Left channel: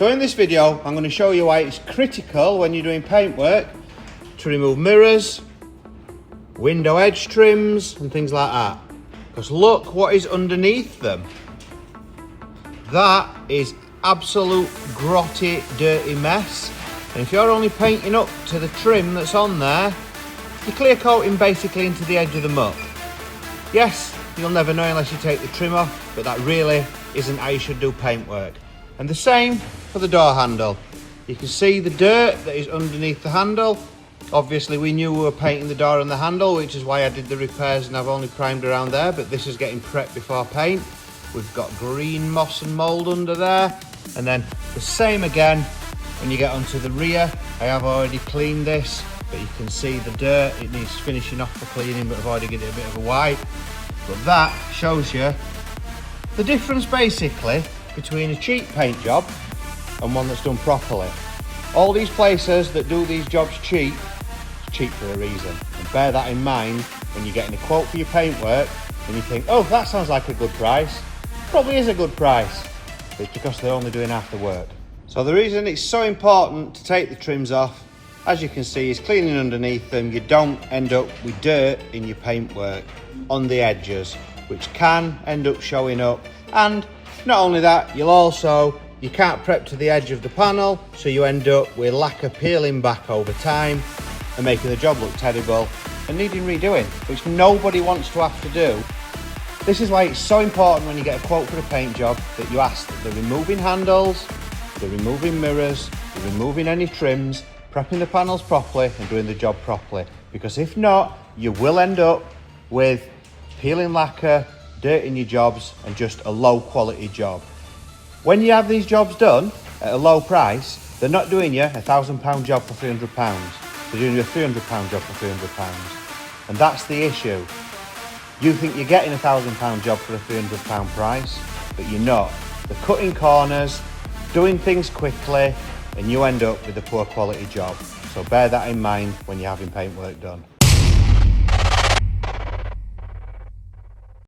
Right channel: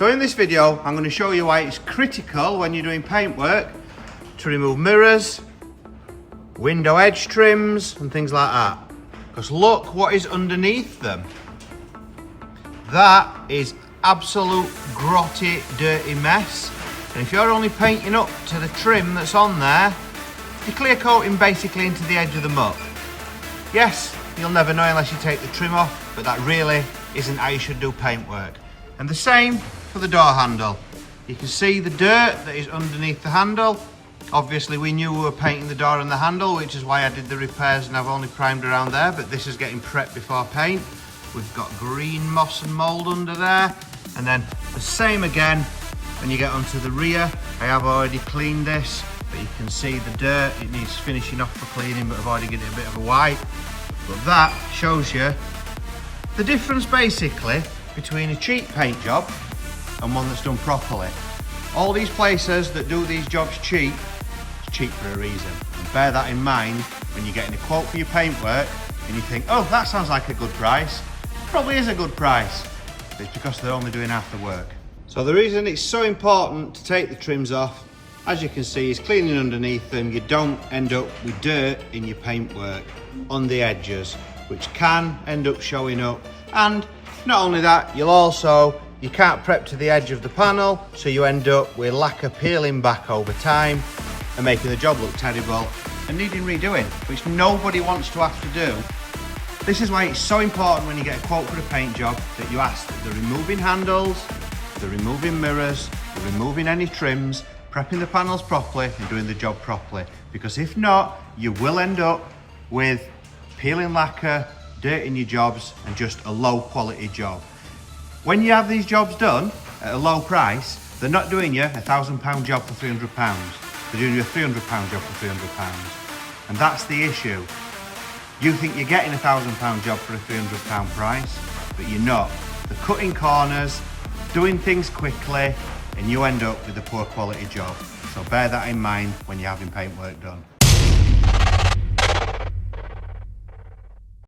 So in this video, I'm going to show you why it's critical when you're doing paintwork to remove mirrors, window edge trims and things like that. Because look what is underneath them. That is absolute grotty, dirty mess. And if you're only painting up to the trim that's on there, you're clear coating basically into the edge of the muck. Yes, you'll never know unless you take the trim off, but that really isn't how you should do paintwork. And the same for the door handle. You can see the dirt that is underneath the handle. Obviously we knew we were painting the door and the handle, which is why I did the repairs and I've only primed around there, but this is getting prepped before paint. We've got green moss and mould under there. And then the same again when you get onto the rear. I have already cleaned this, but you can see the dirt. It needs finishing off for cleaning, but I've already given it a bit of a wipe. But that shows you the difference basically between a cheap paint job and one that's done properly. All these places that do these jobs cheap, it's cheap for a reason. And bear that in mind when you're getting a quote for your paintwork and you think, oh, that sounds like a good price. Probably is a good price, but it's because they're only doing half the work. So the reason it's so important to take the trims off, as you can see, is cleaning underneath them. You don't end up with dirt in your paintwork on the edges, which can end up showing up. And not only that, you can't prep to the edge of the panel, so you end up with lacquer peeling back over time and making the job look terrible and needing redoing, which nobody wants to have to do. This is why it's so important when you get a quote for a paint job that you ask that they're removing handles, they're removing mirrors, they're removing any trims, prepping the panels properly and doing the job properly. Because if not, you will end up with peeling lacquer, dirt in your jobs and just a low quality job. When you have these jobs done at a low price, they're not doing you a £1,000 job for £300. They're doing you a £300 job for £300. And that's the issue. You think you're getting a £1,000 job for a £300 price, but you're not. They're cutting corners, doing things quickly, and you end up with a poor quality job. So bear that in mind when you're having paintwork done.